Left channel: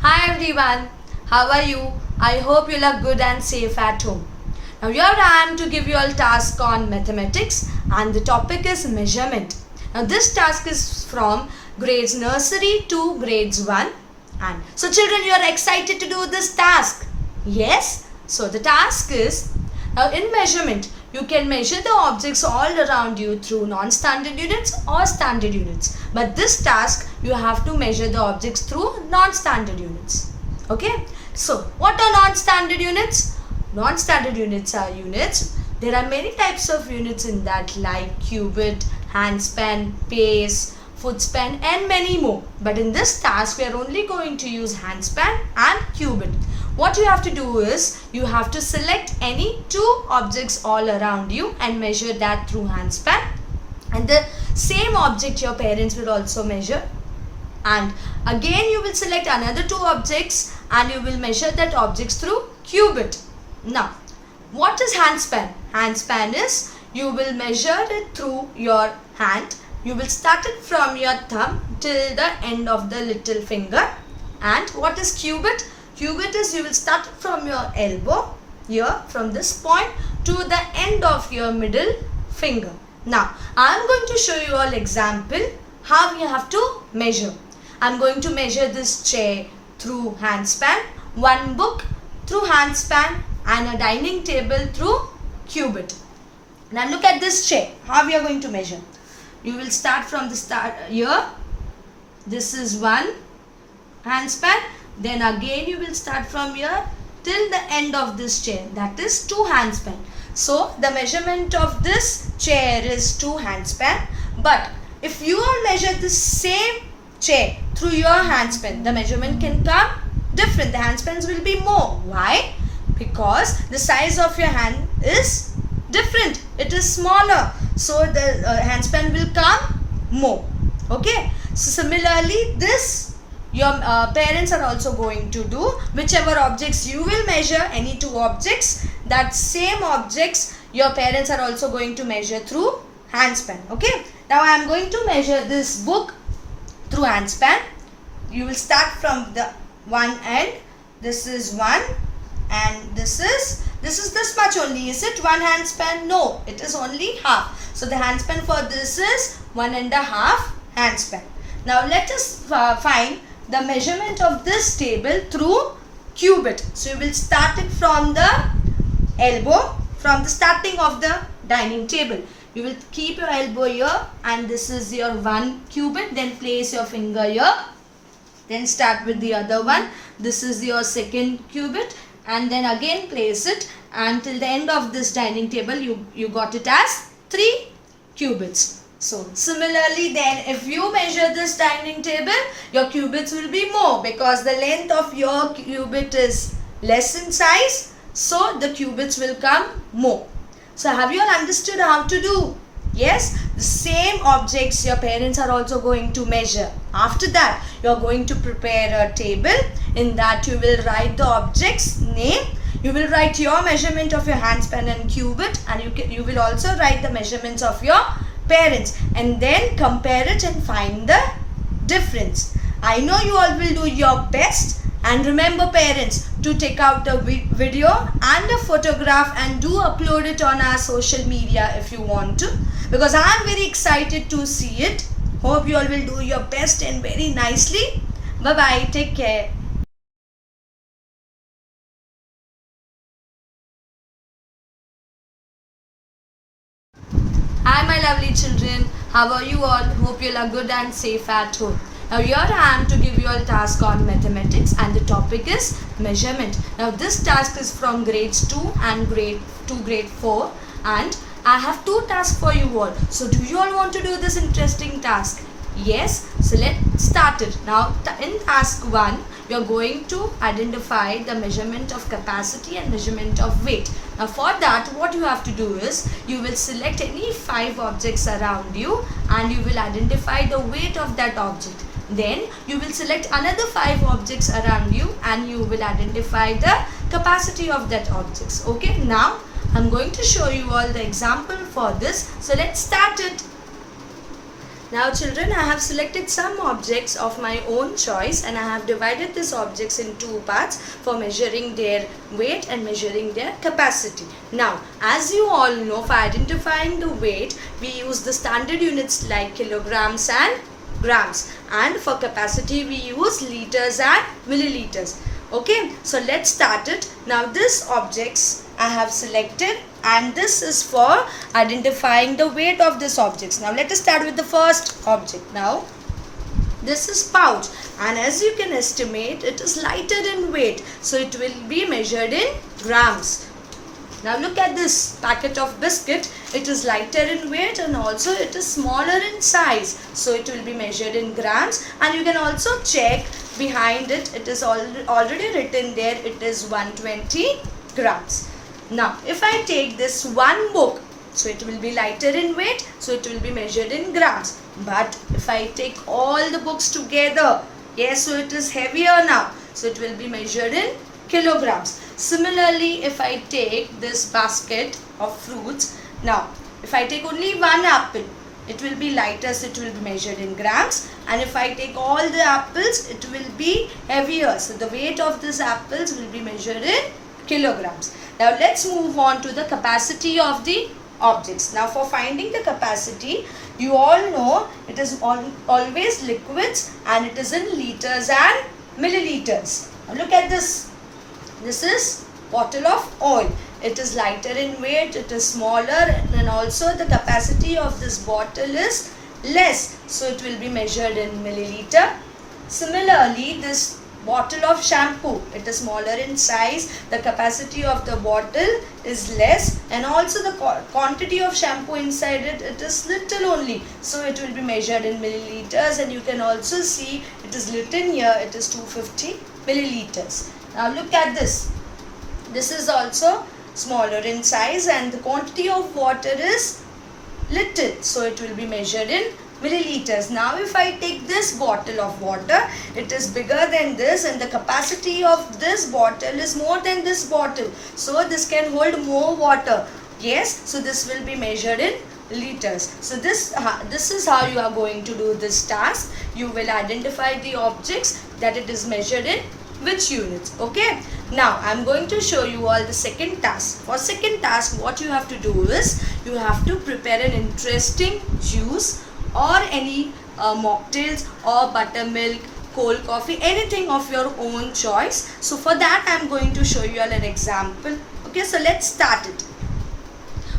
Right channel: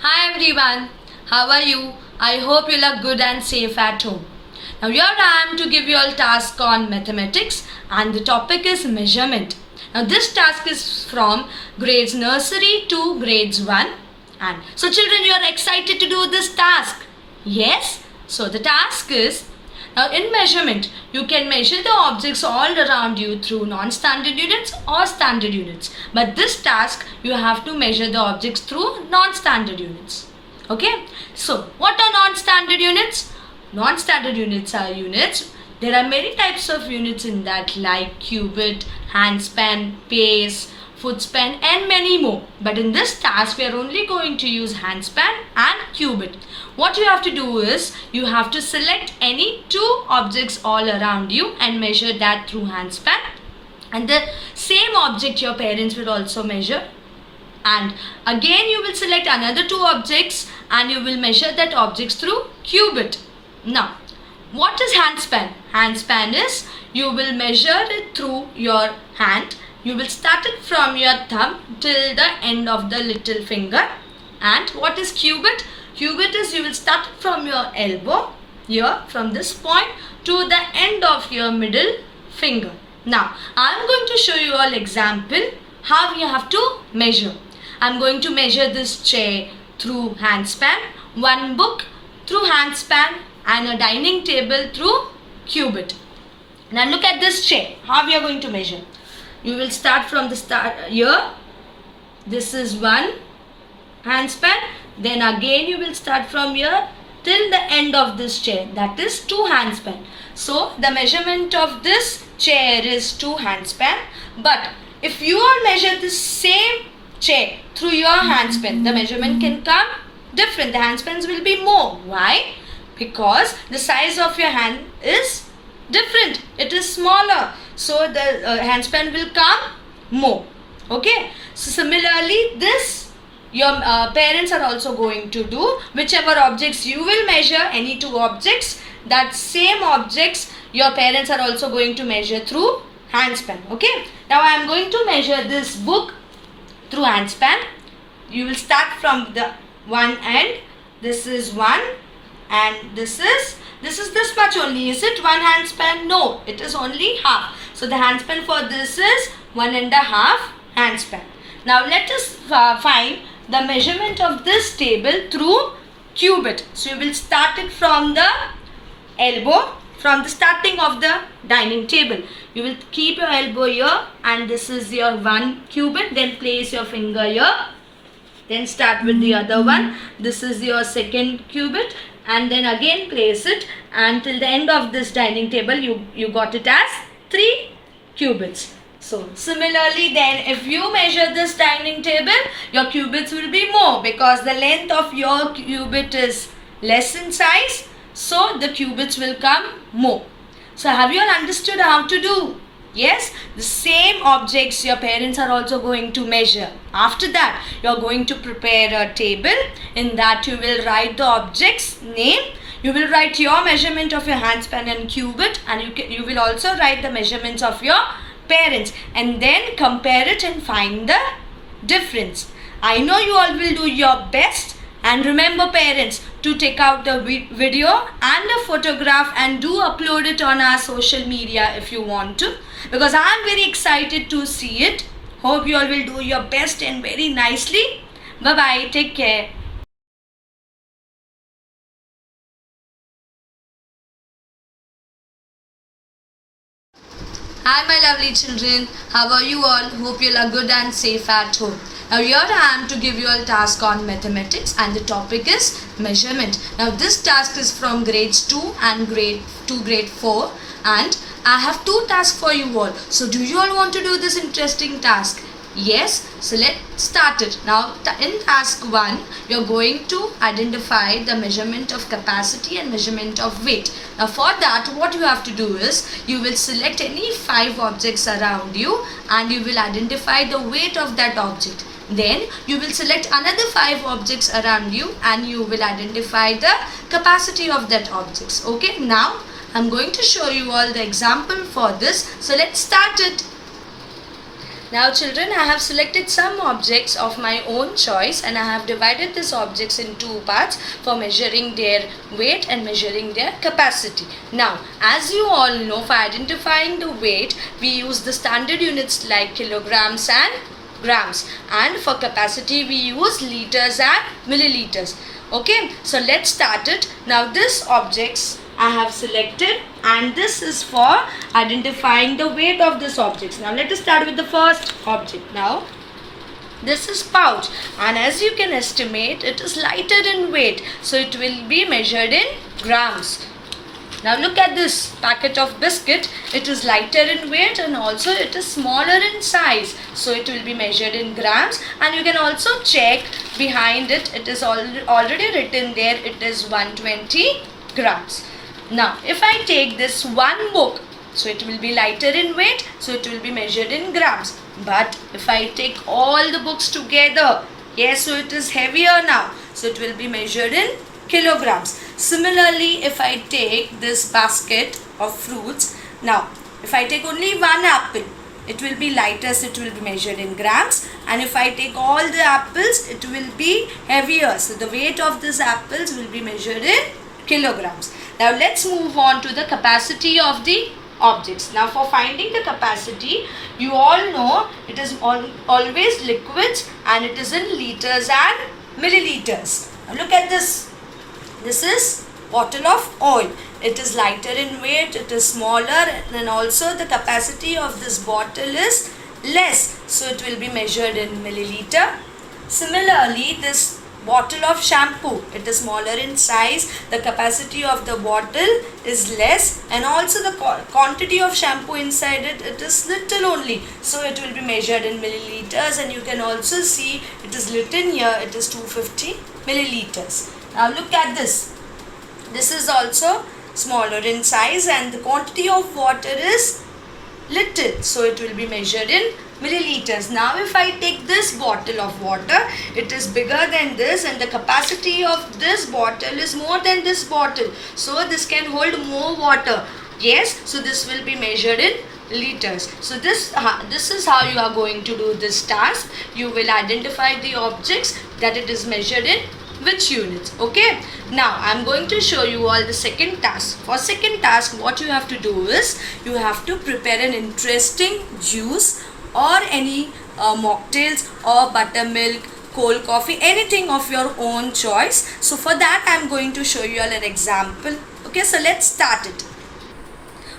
Hi everyone, how are you? I hope you look good and safe at home. Now here I am to give you all task on mathematics and the topic is measurement. Now this task is from grades nursery to grades 1 and so children, you are excited to do this task? Yes? So the task is, now in measurement you can measure the objects all around you through non-standard units or standard units, but this task you have to measure the objects through non-standard units. Okay, so what are non-standard units? Non-standard units are units. There are many types of units in that, like cubit, handspan, pace, footspan and many more. But in this task we are only going to use handspan and cubit. What you have to do is you have to select any two objects all around you and measure that through handspan, and the same object your parents will also measure, and again you will select another two objects and you will measure that objects through cubit. Now what is handspan? Handspan is you will measure it through your hand. You will start it from your thumb till the end of the little finger. And what is cubit? Cubit is you will start it from your elbow here, from this point to the end of your middle finger. Now I am going to show you all example how you have to measure. I am going to measure this chair through handspan, one book through handspan and a dining table through cubit. Now look at this chair, how we are going to measure. You will start from the start here. This is one handspan. Then again you will start from here till the end of this chair. That is 2 handspan. So the measurement of this chair is 2 handspan. But if you all measure the same chair through your handspan, the measurement can come different. The handspans will be more. Why? Because the size of your hand is different. It is smaller. So the handspan will come more. Okay. So similarly, this your parents are also going to do. Whichever objects you will measure, any two objects, that same objects your parents are also going to measure through handspan. Okay. Now I am going to measure this book through handspan. You will start from the one end. This is one and this is this much only. Is it 1 handspan? No, it is only half. So the handspan for this is 1.5 handspan. Now let us find the measurement of this table through cubit. So you will start it from the elbow, from the starting of the dining table. You will keep your elbow here and this is your 1 cubit. Then place your finger here. Then start with the other one. This is your 2nd cubit. And then again place it until the end of this dining table you got it as 3 cubits. So similarly then if you measure this dining table, your cubits will be more because the length of your cubit is less in size. So the cubits will come more. So have you all understood how to do? Yes, the same objects your parents are also going to measure. After that, you are going to prepare a table. In that you will write the object's name. You will write your measurement of your handspan and cubit, and you will also write the measurements of your parents and then compare it and find the difference. I know you all will do your best. And remember parents to take out the video and a photograph and do upload it on our social media if you want to, because I am very excited to see it. Hope you all will do your best and very nicely. Bye bye. Take care. Hi my lovely children. How are you all? Hope you are good and safe at home. Now here I am to give you a task on mathematics and the topic is measurement. Now this task is from grades 2 and grade 4 and I have 2 tasks for you all. So do you all want to do this interesting task? Yes, so let's start it. Now in task 1, you're going to identify the measurement of capacity and measurement of weight. Now for that, what you have to do is, you will select any 5 objects around you and you will identify the weight of that object. Then you will select another 5 objects around you and you will identify the capacity of that objects. Okay, now I'm going to show you all the example for this. So let's start it. Now children, I have selected some objects of my own choice and I have divided these objects in two parts for measuring their weight and measuring their capacity. Now, as you all know, for identifying the weight, we use the standard units like kilograms and grams, and for capacity we use liters and milliliters. Okay, so let's start it. Now this objects I have selected and this is for identifying the weight of this objects. Now let us start with the first object. Now this is pouch, and as you can estimate, it is lighter in weight, so it will be measured in grams. Now look at this packet of biscuit. It is lighter in weight and also it is smaller in size. So it will be measured in grams, and you can also check behind it. It is already written there. It is 120 grams. Now if I take this one book, so it will be lighter in weight. So it will be measured in grams. But if I take all the books together, yes, so it is heavier now. So it will be measured in kilograms. Similarly, if I take this basket of fruits, now if I take only one apple, it will be lighter, so it will be measured in grams, and if I take all the apples, it will be heavier, so the weight of these apples will be measured in kilograms. Now let's move on to the capacity of the objects. Now for finding the capacity, you all know it is always liquids and it is in liters and milliliters. Now look at this. This is bottle of oil. It is lighter in weight, it is smaller, and also the capacity of this bottle is less, so it will be measured in milliliter. Similarly, this bottle of shampoo, it is smaller in size, the capacity of the bottle is less, and also the quantity of shampoo inside it, it is little only, so it will be measured in milliliters, and you can also see it is written here, it is 250 milliliters. Now look at this. This is also smaller in size and the quantity of water is little, so it will be measured in milliliters. Now if I take this bottle of water, it is bigger than this and the capacity of this bottle is more than this bottle, so this can hold more water. Yes, so this will be measured in liters. So this is how you are going to do this task. You will identify the objects that it is measured in which units. Okay, now I'm going to show you all the second task. For second task, what you have to do is you have to prepare an interesting juice or any mocktails or buttermilk, cold coffee, anything of your own choice. So for that I'm going to show you all an example. Okay, so let's start it.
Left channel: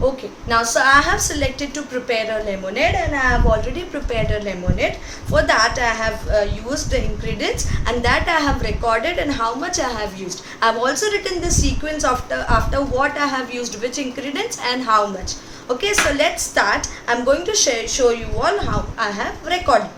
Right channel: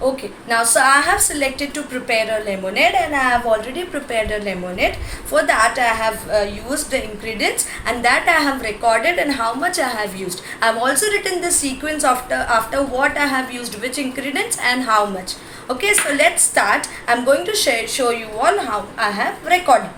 Okay, now so I have selected to prepare a lemonade and I have already prepared a lemonade. For that I have used the ingredients and that I have recorded and how much I have used. I have also written the sequence after what I have used, which ingredients and how much. Okay, so let's start. I'm going to show you all how I have recorded.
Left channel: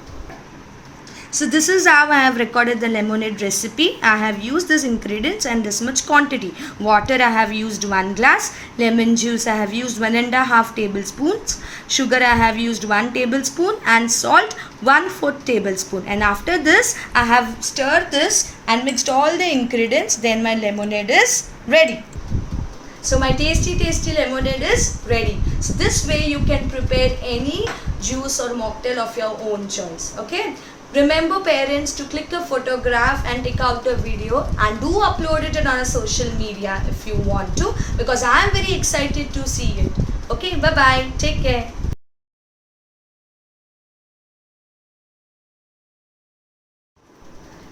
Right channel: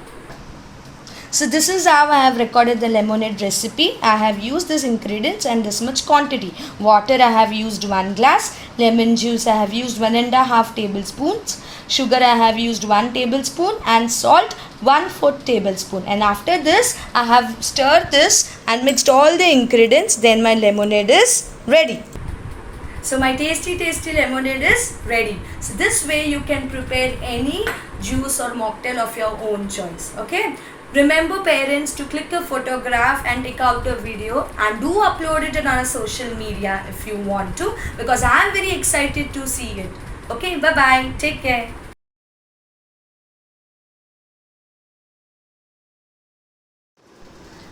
So this is how I have recorded the lemonade recipe. I have used this ingredients and this much quantity. Water I have used 1 glass. Lemon juice I have used 1.5 tablespoons. Sugar I have used 1 tablespoon and salt 1/4 tablespoon. And after this I have stirred this and mixed all the ingredients. Then my lemonade is ready. So my tasty lemonade is ready. So this way you can prepare any juice or mocktail of your own choice. Okay. Remember parents to click a photograph and take out a video and do upload it on a social media if you want to, because I am very excited to see it. Okay, bye bye. Take care.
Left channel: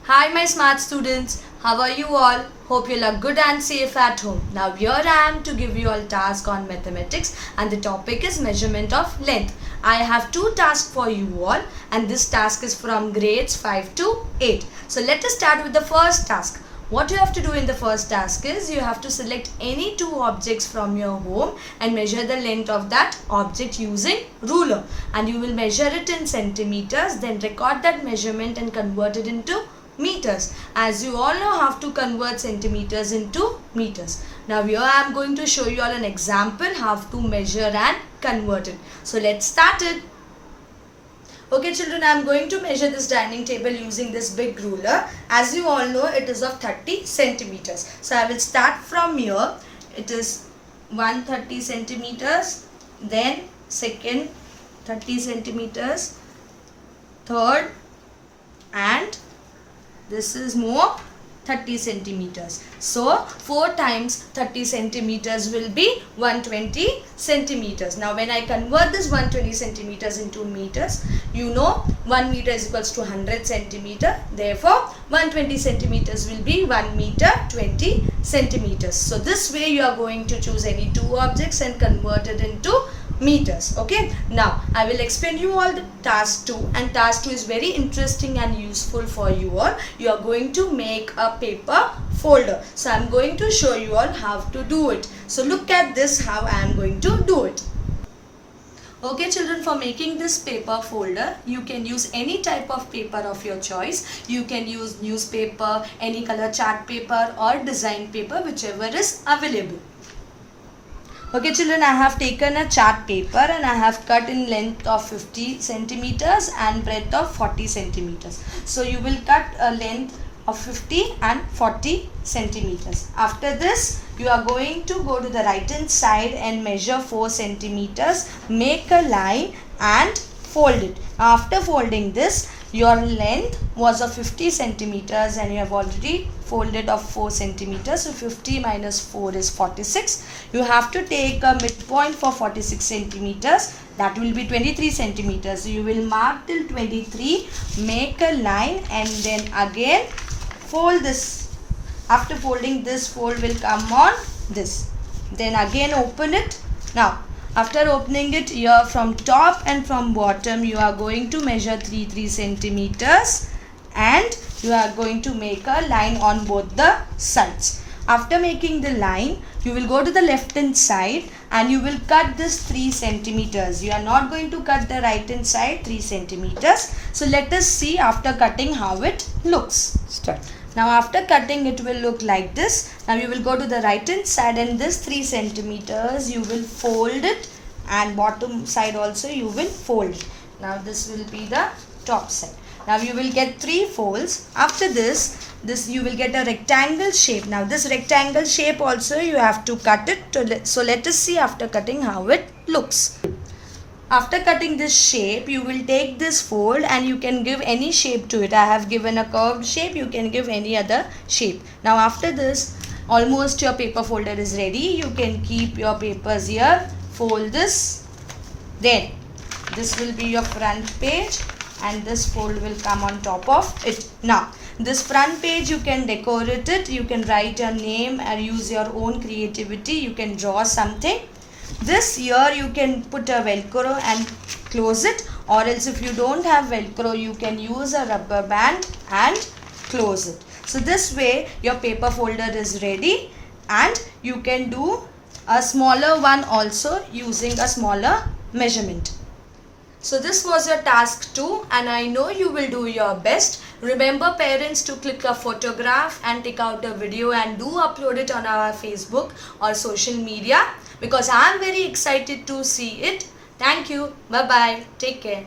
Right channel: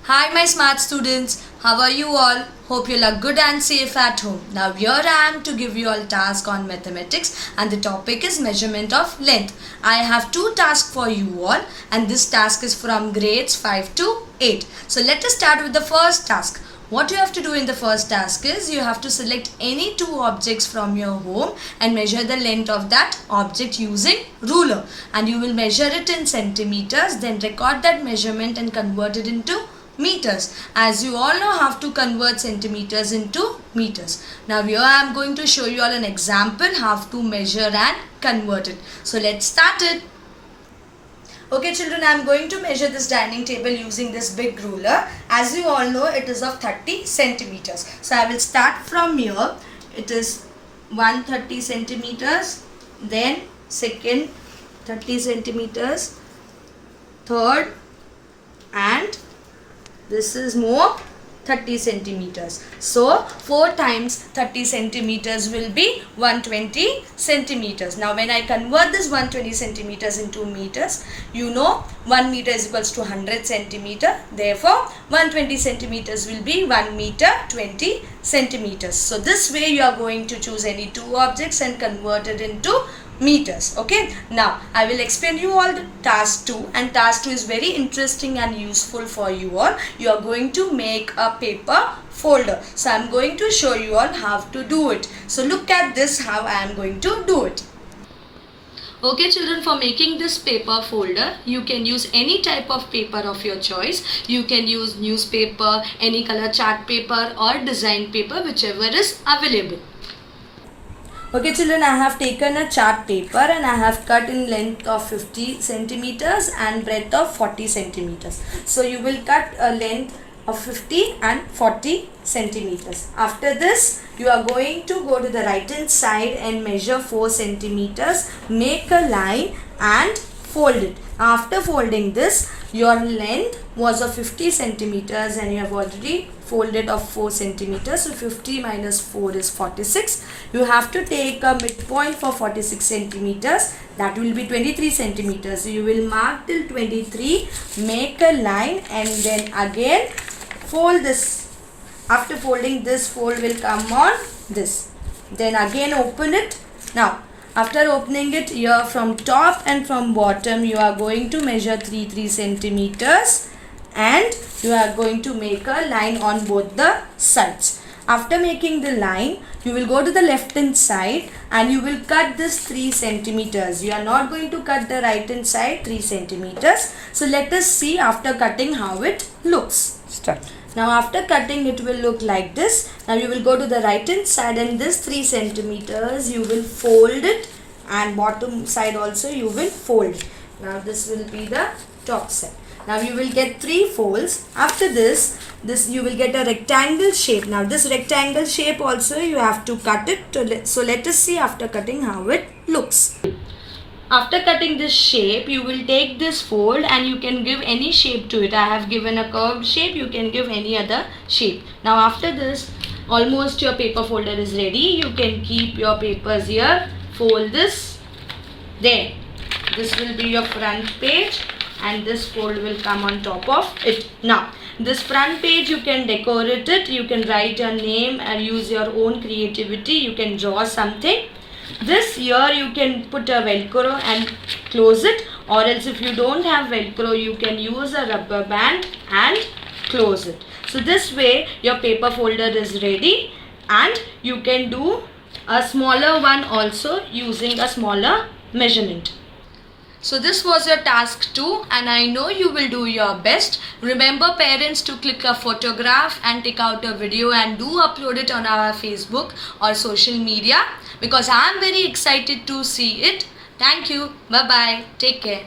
Hi my smart students, how are you all? Hope you are good and safe at home. Now here I am to give you all task on mathematics and the topic is measurement of length. I have 2 tasks for you all and this task is from grades 5 to 8. So let us start with the first task. What you have to do in the first task is you have to select any 2 objects from your home and measure the length of that object using ruler, and you will measure it in centimeters, then record that measurement and convert it into meters. As you all know how to convert centimeters into meters. Now here I am going to show you all an example how to measure and convert it. So let's start it. Okay children, I am going to measure this dining table using this big ruler. As you all know, it is of 30 centimeters. So I will start from here. It is 130 centimeters, then second 30 centimeters, third, and this is more 30 centimeters. So 4 times 30 centimeters will be 120 centimeters. Now when I convert this 120 centimeters into meters, you know 1 meter is equals to 100 centimeter. Therefore 120 centimeters will be 1 meter 20 centimeters. So this way you are going to choose any two objects and convert it into meters. Okay, now I will explain you all the task 2, and task 2 is very interesting and useful for you all. You are going to make a paper folder. So I am going to show you all how to do it. So look at this, how I am going to do it. Okay children, for making this paper folder, you can use any type of paper of your choice. You can use newspaper, any color chart paper or design paper, whichever is available. Okay children, I have taken a chart paper and I have cut in length of 50 centimeters and breadth of 40 centimeters. So you will cut a length of 50 and 40 centimeters. After this, you are going to go to the right hand side and measure 4 centimeters, make a line and fold it. After folding this, your length was of 50 centimeters and you have already folded of 4 centimeters. So 50 minus 4 is 46. You have to take a midpoint for 46 centimeters. That will be 23 centimeters. So you will mark till 23, make a line and then again fold this. After folding this, fold will come on this. Then again open it. Now after opening it, here from top and from bottom you are going to measure 3 centimeters and you are going to make a line on both the sides. After making the line, you will go to the left hand side and you will cut this 3 centimeters. You are not going to cut the right hand side 3 centimeters. So let us see after cutting how it looks. Start. Now after cutting it will look like this. Now you will go to the right hand side and this 3 centimeters you will fold it and bottom side also you will fold it. Now this will be the top side. Now you will get 3 folds. After this you will get a rectangle shape. Now this rectangle shape also you have to cut it. So let us see after cutting how it looks. After cutting this shape, you will take this fold and you can give any shape to it. I have given a curved shape, you can give any other shape. Now after this, almost your paper folder is ready. You can keep your papers here, fold this. Then this will be your front page and this fold will come on top of it. Now this front page you can decorate it, you can write your name and use your own creativity. You can draw something. This here you can put a velcro and close it, or else if you don't have velcro you can use a rubber band and close it. So this way your paper folder is ready and you can do a smaller one also using a smaller measurement. So this was your task 2 and I know you will do your best. Remember parents to click a photograph and take out a video and do upload it on our Facebook or social media because I am very excited to see it. Thank you. Bye bye. Take care.